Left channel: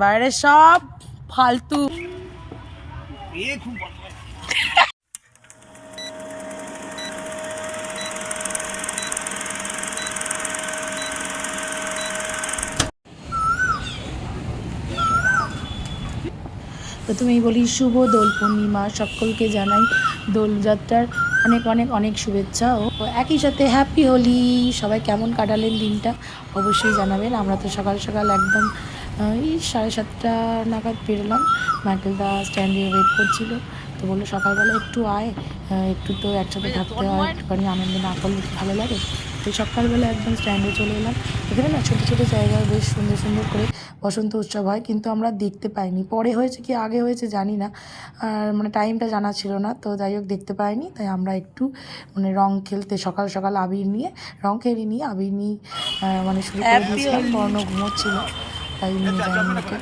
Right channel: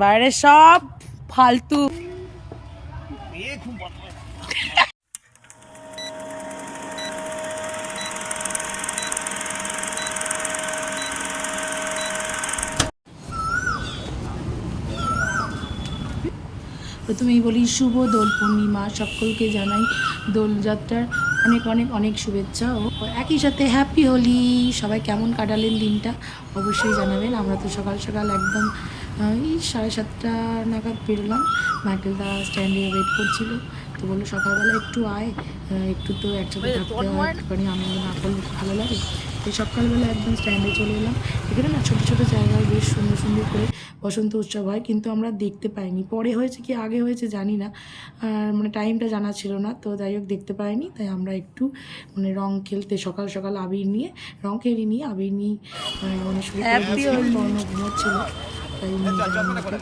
বাইরে সব ফালতু। প্রথমেই বলি শুভ দোল পূর্ণিমা, সকলকে জানাই দোলযাত্রার অনেক অনেক অনেক শুভেচ্ছা ও একই সাথে হ্যাপি হোলি। সবাই কেমন কাটালেন দিনটা অবশ্যই জানাবেন। আমরা তো সকাল সকাল একদম এই 7:30 নাগাদ বেরোলাম। মাইকেলদা স্ট্যান্ডে ওয়েট করছিল, তো বললো সকালবেলা একটু আয়, একটু তো একসাথে থাকতে হয়, একটুখানি আনন্দ না করলে ভালো লাগে। তো সকালবেলা একদম স্ট্যান্ডে চলে এলাম। এখানে না ছোটো ছোটো জায়গায় বেশ সুন্দর সুন্দর করে বসন্ত উৎসব হয়, কিন্তু আমরা দেখতে পাইনি। পরে হয়েছে কি আগে হয়েছে জানি না, আর মানে টাইমটা জানা ছিল না, তো যাই হোক দেখতে পাইনি। তাই আমরা একটু মানে রং খেলতে সকাল সকাল আবির নিয়ে রং খেলি নিয়ে আবির নিয়ে মানে শুরু করে দিয়েছিলাম। বর্ণ ঘুমোচ্ছিল, তাই নিয়ে যাইনি ওকে।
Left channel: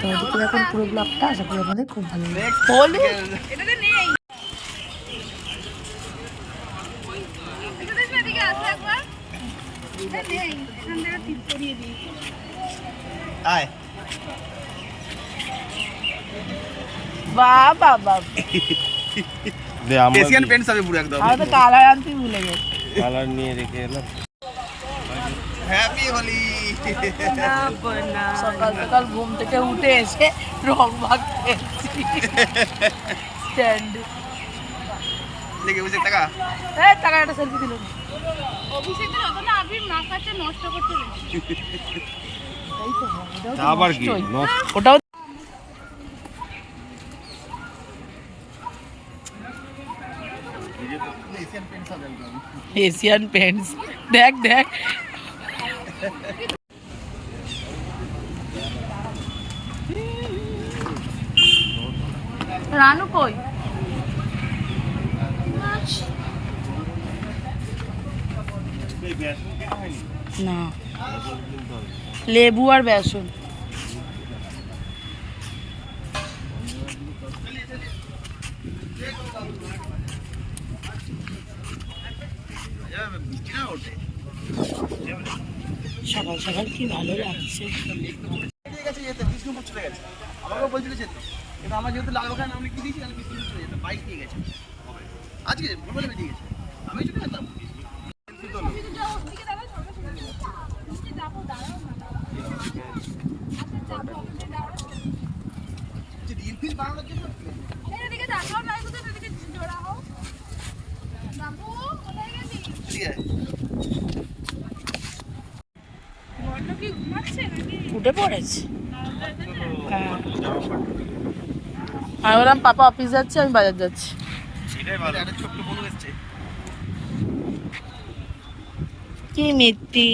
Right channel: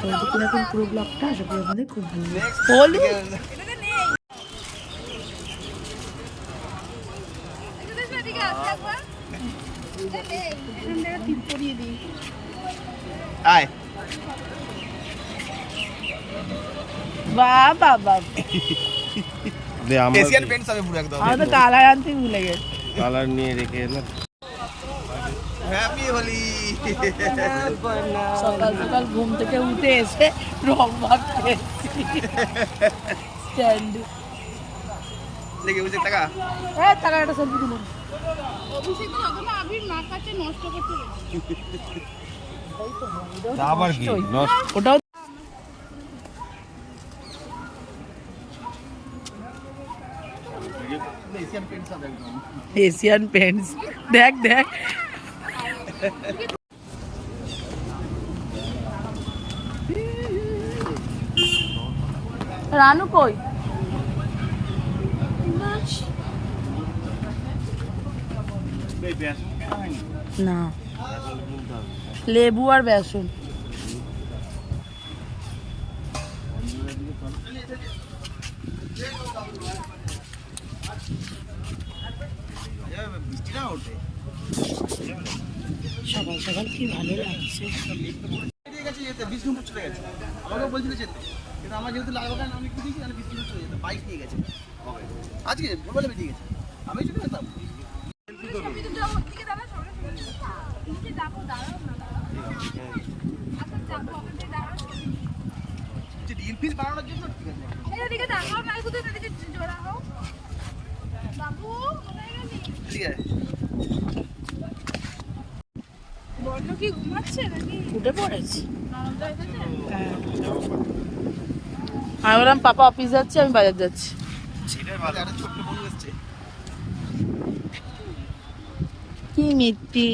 তো দেখতে দেখুন পুরো ব্লগটা, আশা করি আপনাদের খুব ভালো লাগে। কালার আনতে ভুলে গেছি, কালার নিয়ে রেখে এলাম। হ্যাপি হোলি। সকাল সকাল ঘুম থেকে উঠে এসে রং মাখতে স্ট্যান্ডে লেগে বসে টাকা একটা সেলফি দিলাম। অভিষেক দিন অত না আবির মাখাচ্ছে, নষ্ট করতে আবার কি ওটাও এশিয়ান পেন্টস। দেখ দেখ রানু কই? না, লেবু আর বেসন। সকাল সকাল কি ভালো লাগছে। আমাকে বলছিল যেতে, কিন্তু আমার যেহেতু লাগলো না, আমি কি দিয়েছি আমি কিছু চলে যেতাম, বাইক নিয়ে গেছে আজকে বলে বেরিয়ে গেছে, আমি চলে যেতাম। রিলফিল বানানোর জন্য এদিকে দেখাও নাই, কোথায় এদিকে জোড়া হও বাবু, কোথায় গেলি? ঠিক আছে, বড় কি ঘুমাচ্ছে নাকি? উঠে পড়েছে। হ্যাঁ, আমি বললাম পাপা অফিস যাচ্ছে, আমি বাজার যাচ্ছি। কি মিত্তি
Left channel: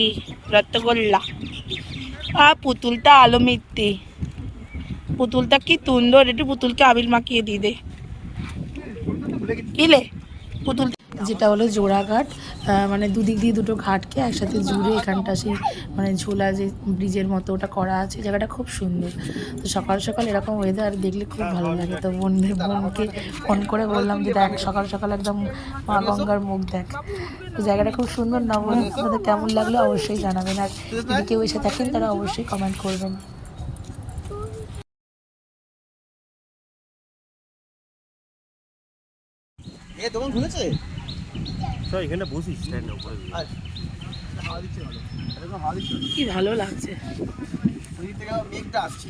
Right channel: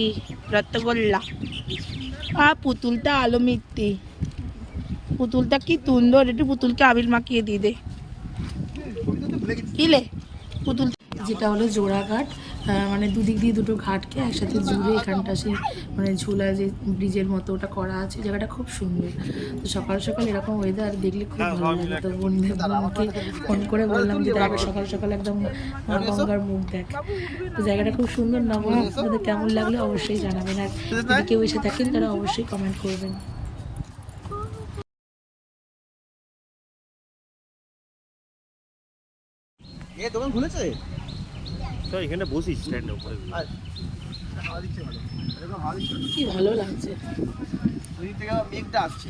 রত্তগোল্লা, পুতুলটা আলো মিত্তি, পুতুলটা কি সুন্দর। একটু পুতুলকে আবির মাখিয়ে দিয়ে দে। কিলে পুতুল, যেটা হলো জোড়াঘাট, মানে দুদিক দিয়ে দুটো ঘাটকে একসাথে জুড়ে এখানটা সেই মানে ঝোলা যে ব্রিজের মতো ওটা করা আছে। জায়গাটা খুব সুন্দর। তো সকাল সকাল এরকম ওয়েদার দেখলে খুব ভালো লাগে। তো বোনকে ফোন করে বললাম যে দেখ সকাল সকাল একদম মা গঙ্গার মুখ দেখ। তো জায়গাটা খুব সুন্দর না? বলুন আপনাদের কেমন লাগলো অবশ্যই জানাবেন, আর যদি কেউ এসে থাকেন তারা অবশ্যই কমেন্ট করবেন। দোকান খুলেছে তো এখানে বসিস স্ট্যান্ডের উপরে, কি ভালো লাগছে। ওই থেকে আবার মেঘটা আসছে,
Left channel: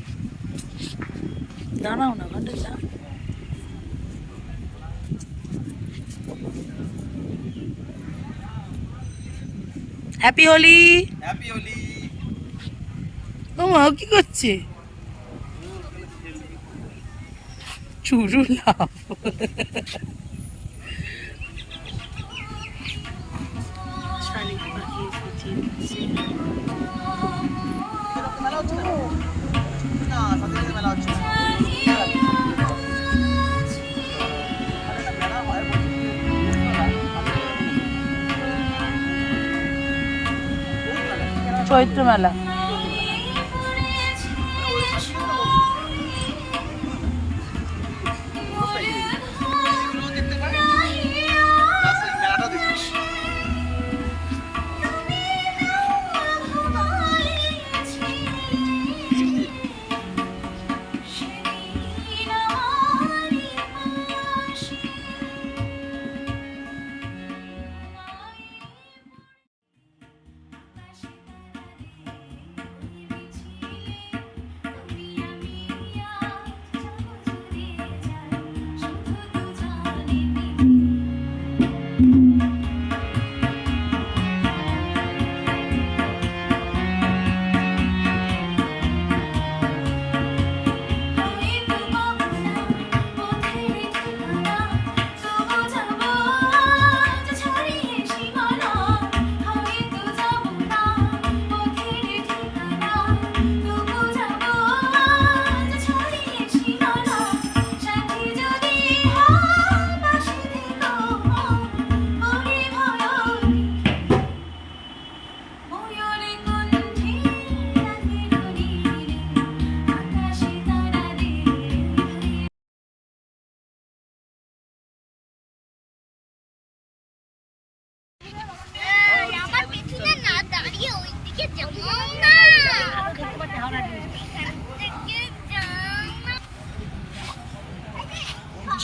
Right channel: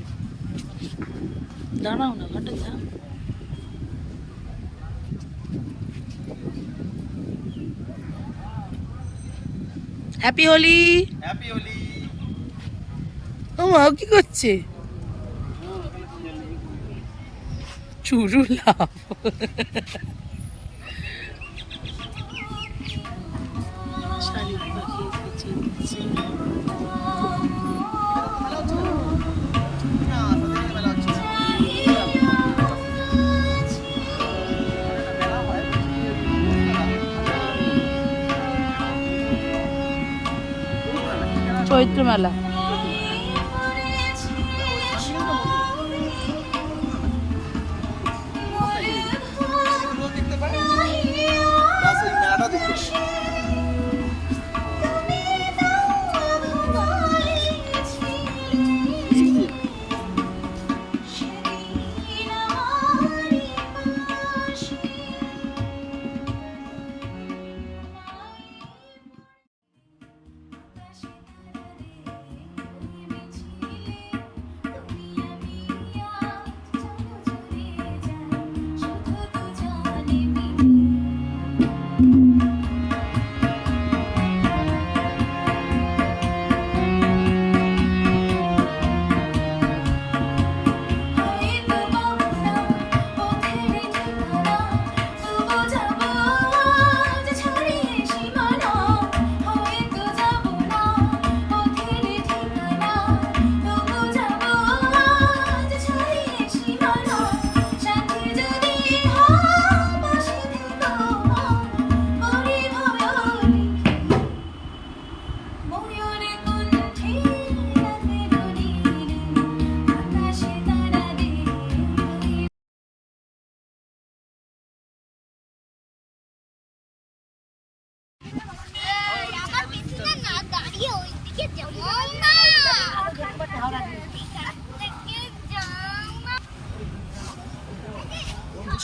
দাঁড়াও না ঘাটে যা। হ্যাপি হোলি। হ্যাপি হোলি। ও মা কি করছে? চুরু লাভ। শালিক পাখি পিছিয়ে দিচ্ছে। চৈত্র মেলা।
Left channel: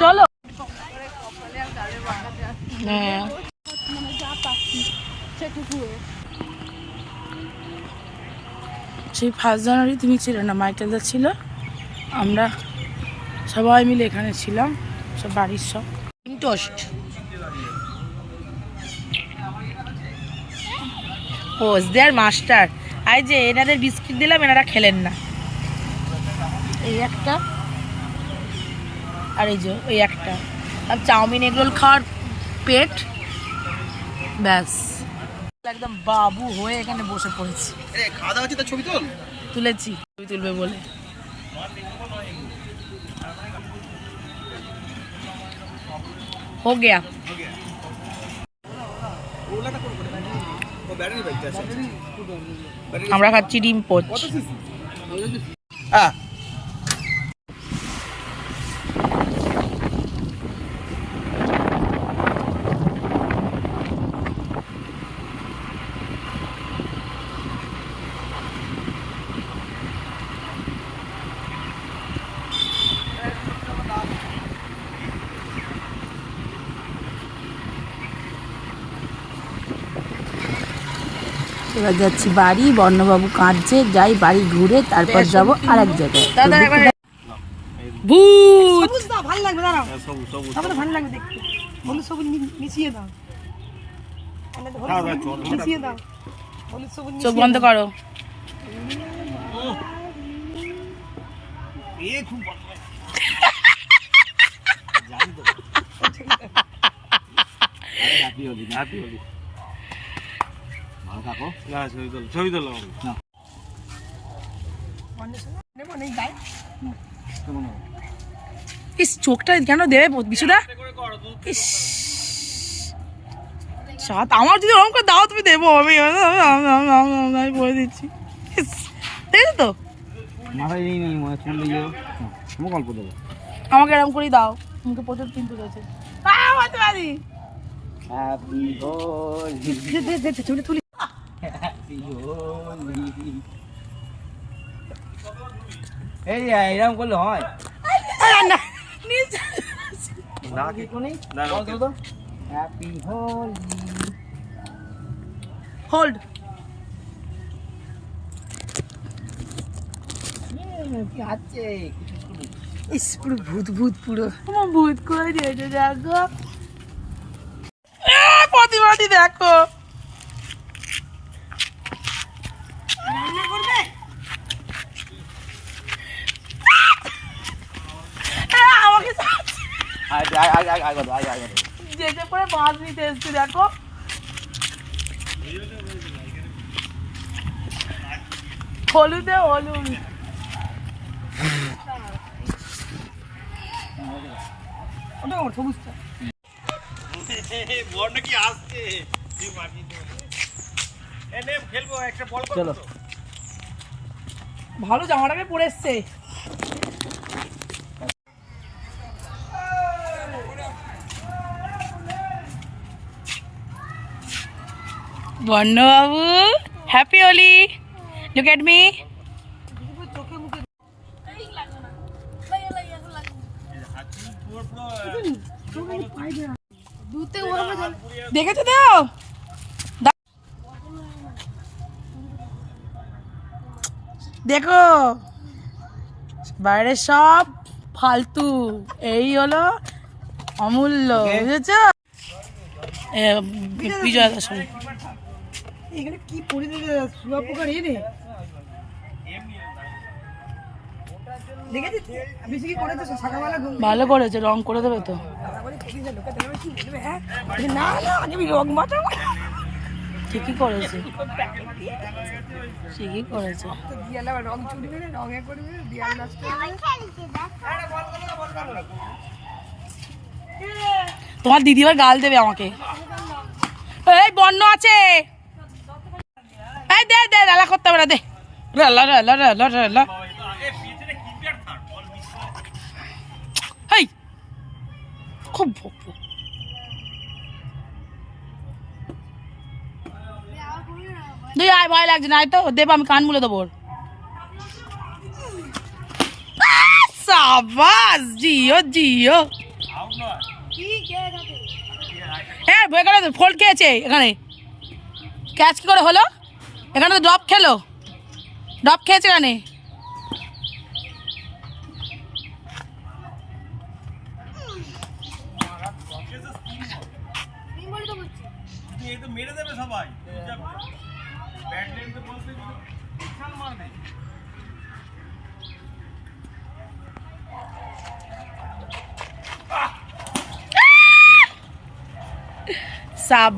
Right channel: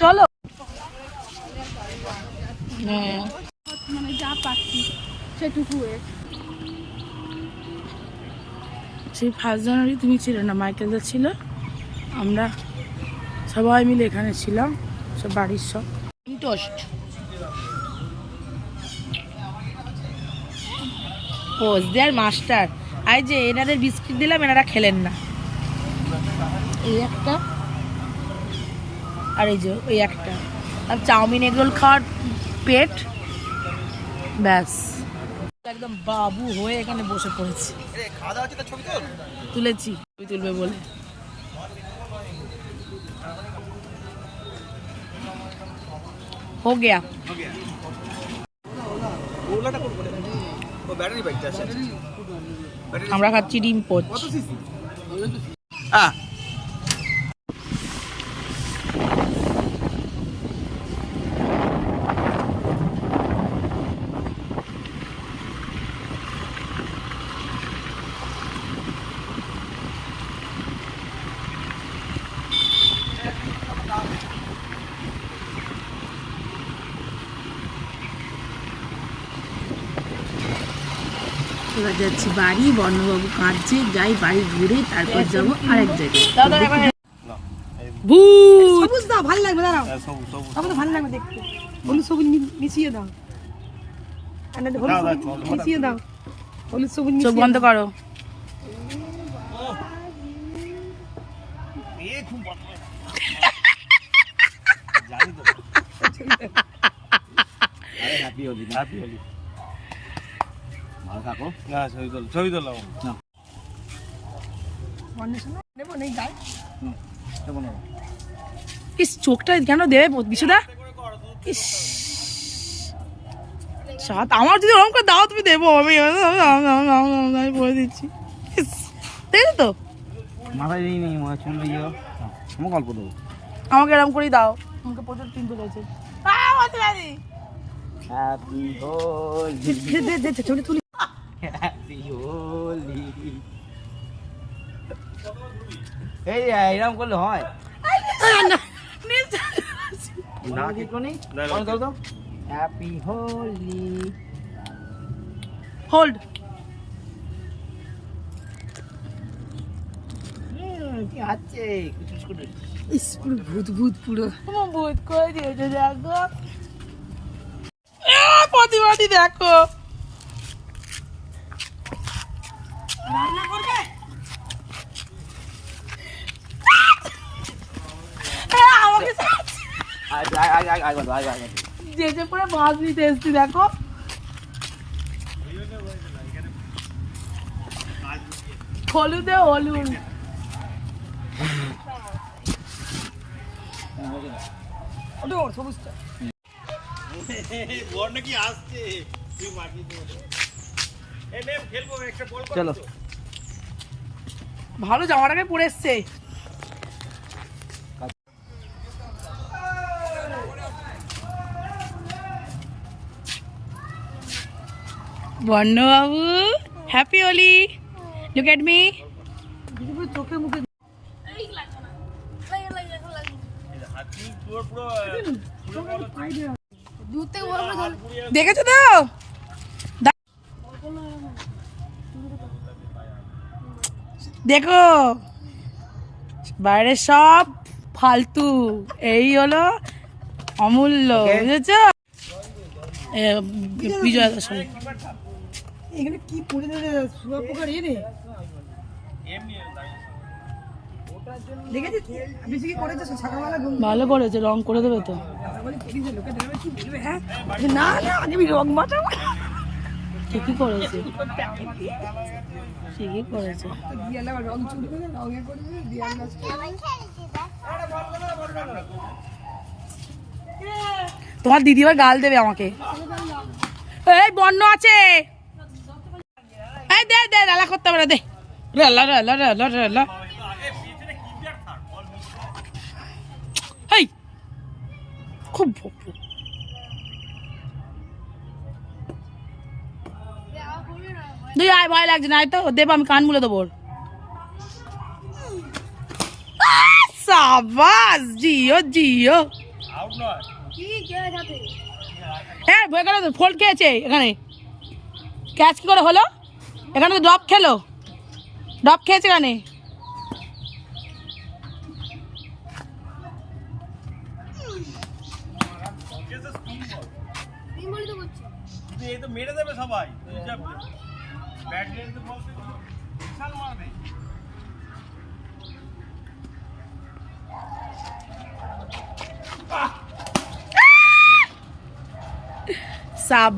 চলো। হ্যাঁ সেই 1 জানুয়ারি তুমি ছিল না, মাইকেলদা ছিল, আমরা সবাই মিলে এখানে ছিলাম, সব বাড়ির সব। টোস্ট পোজ দেয়ার মাস্টার। আই যে এনাদের বিস্কিট দিলাম, এনারা খেলেন না। এই একটা আর এই যে ওই একটা, আর চাউমিন এগরোল খাওয়ার পেট, ব্যাস একদম বাবু হয়ে এখানে বসে পড়েছি। তুলেছি, ছবি তুলবে বলে। हो गया। আমরা খাচ্ছি ডিম পোচ। এবার যাচ্ছি বাড়ি, বর্ণবাবু কাঁদছে, যাই বাড়ি ঘুরে তারপর যাবো আরেক জায়গায়। ভূত ভালো লাগবে, দাঁড়াও ভালো লাগবে দেখতে। হলুদ সবুজ মিশিয়ে দাও, মিশিয়ে দাও, হলুদ সবুজ। চোখ বন্ধ করো। ইস চোখটা কেন দেবে বিশুদা? ইস সাত আমার যদি ওরকম করে দাও তুমি দেবো, আমি বলে দিচ্ছি। দেখছো তো মাথায় নেই চুল দিয়ে গল্প দেবো, আমাকে এরকম করেই দাও। কিন্তু প্রচুর চিন্তা রয়েছে। তুলি এরকম করলে হয় না? হ্যাপি হোলি হোল্ড। পুরো ভূত ভূত, পুরো ভূত করে দিয়েছে। দেখো প্রতিবাদী, দেখো যেতে পরে মাছ নিতে এসছি। দেখো হলুদে হলুদ। ভালো জামাটাকে পরে এসছে। বর্ণবাবু happy Holi, look at me. দেখেছো তো দেখো বাইরে সব ফালতু, এই হলো অমূল্য, বুঝেছ? বিজয় দাসরে এখানে কি পড়ে শুয়া পোকার রে দেখেছিস? বেশি কি করেছে সকালবেলা? ভালো করেছে, রং করে দেবে তো। না না আমি রং মাখাবো। ঠিকই করেছে, ঠিকই করেছে। রং চুরি করে রঙে করে দিয়াল নষ্ট করে। তোমার দিদি আবার গাল দেবে আমাকে। এই বন্য আছে, এই দে দে রালা করতে হবে না, দে রালা রালা রালা রালা। এই খুব তুই আয়, ভয় লাগছে না তো? দেব আমি কান মুলে দেবো। সাবাস, জিও জিও। হ্যাঁ এখানে ফোল্ড খেয়েছে, এখানে ক্যাচ কি করে হলো? এখানে তো ড্রপ খেলো, ড্রপ খেয়েছে এখানে। মেরে দেবে সবাই, ব্যাট লেন্থে বলতে মারবে। সাব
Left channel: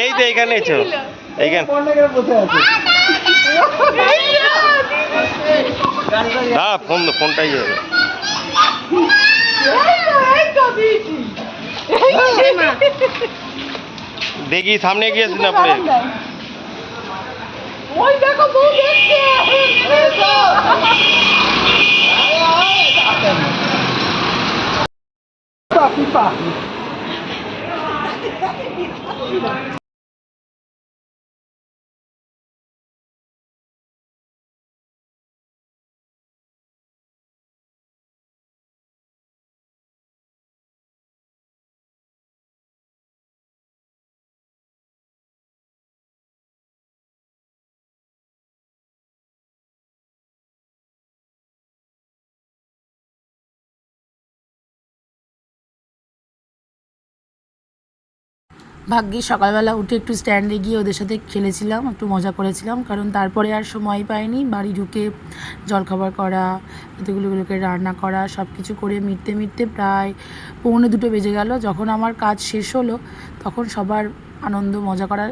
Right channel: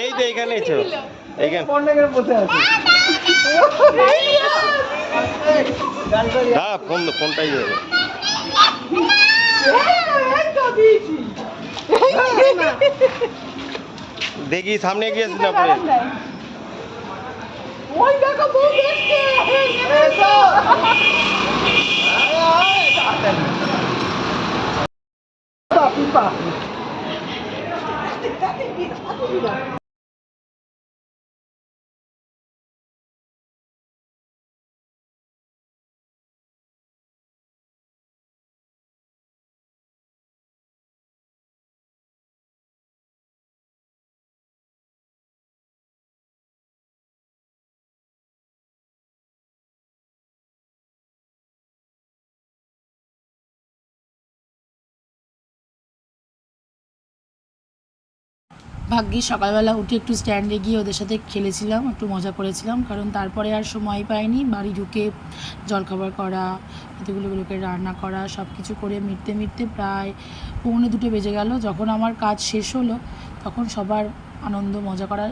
এই তো এইখানে এইখানে ফোনটাই যাবে। দেখি সামনে গিয়েছি না পড়ে। ভাগ্যিস সকালবেলা উঠে একটু স্ট্যান্ডে গিয়ে ওদের সাথে খেলেছিলাম, একটু মজা করেছিলাম, কারণ তারপরে আর সময় পাইনি। বাড়ি ঢুকে জলখাবার করা, এতগুলোগুলোকে রান্না করা, সব কিছু করে মিটতে মিটতে প্রায় 1:45 বেজে গেল। যখন আমার কাজ শেষ হলো তখন সবার আনন্দ মজা করা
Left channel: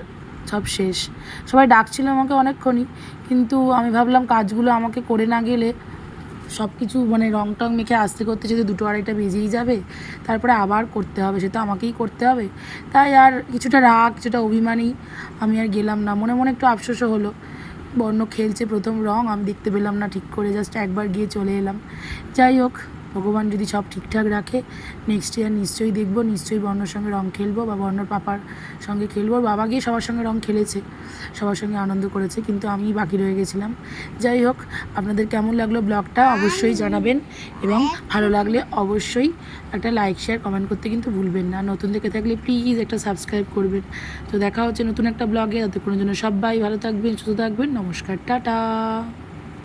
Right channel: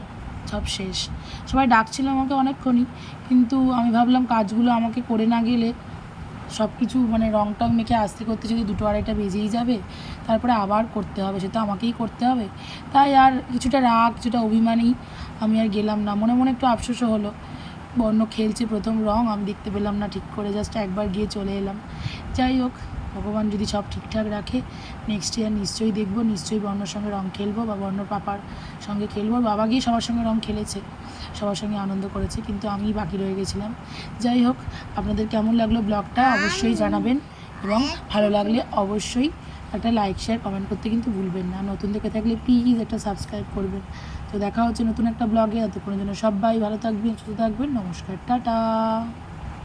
সব শেষ। সবাই ডাকছিল আমাকে অনেকক্ষণই, কিন্তু আমি ভাবলাম কাজগুলো আমাকে করে না গেলে সব কিছু মানে রং টং মেখে আসতে করতে যদি 2-2:30 বেজেই যাবে, তারপরে আবার করতে হবে, সেটা আমাকেই করতে হবে। তাই আর কিছুটা রাগ, কিছুটা অভিমানী আমি আর গেলাম না। মনে মনে একটু আফসোসও হলো, বর্ণ খেলছে প্রথম রং, আমি দেখতে পেলাম না ঠিক করে, জাস্ট একবার গিয়ে চলে এলাম। যাই হোক, ভগবান যদি সব ঠিকঠাক রাখে নেক্সট ইয়ার নিশ্চয়ই দেখবো, নিশ্চয়ই বর্ণর সঙ্গে রং খেলবো বা বর্ণর পাপার সঙ্গে খেলবো। বাবা গিয়ে সবার সঙ্গে রং খেলেছে, সবার সঙ্গে আনন্দ করেছে, কিন্তু আমি বাকি রয়ে গেছিলাম। যাই হোক, আপনাদের কেমন লাগলো ব্লগটা অবশ্যই জানাবেন, এবং ভালো লাগলে অবশ্যই একটা লাইক শেয়ার কমেন্ট করতে কিন্তু ভুলবেন না। নতুন দেখে থাকলে প্লিজ একটা সাবস্ক্রাইব করবেন। তো দেখা হচ্ছে নতুন একটা ব্লগে, ততক্ষণের জন্য সবাই ভালো থাকবেন, সুস্থ থাকবেন, নমস্কার, টাটা।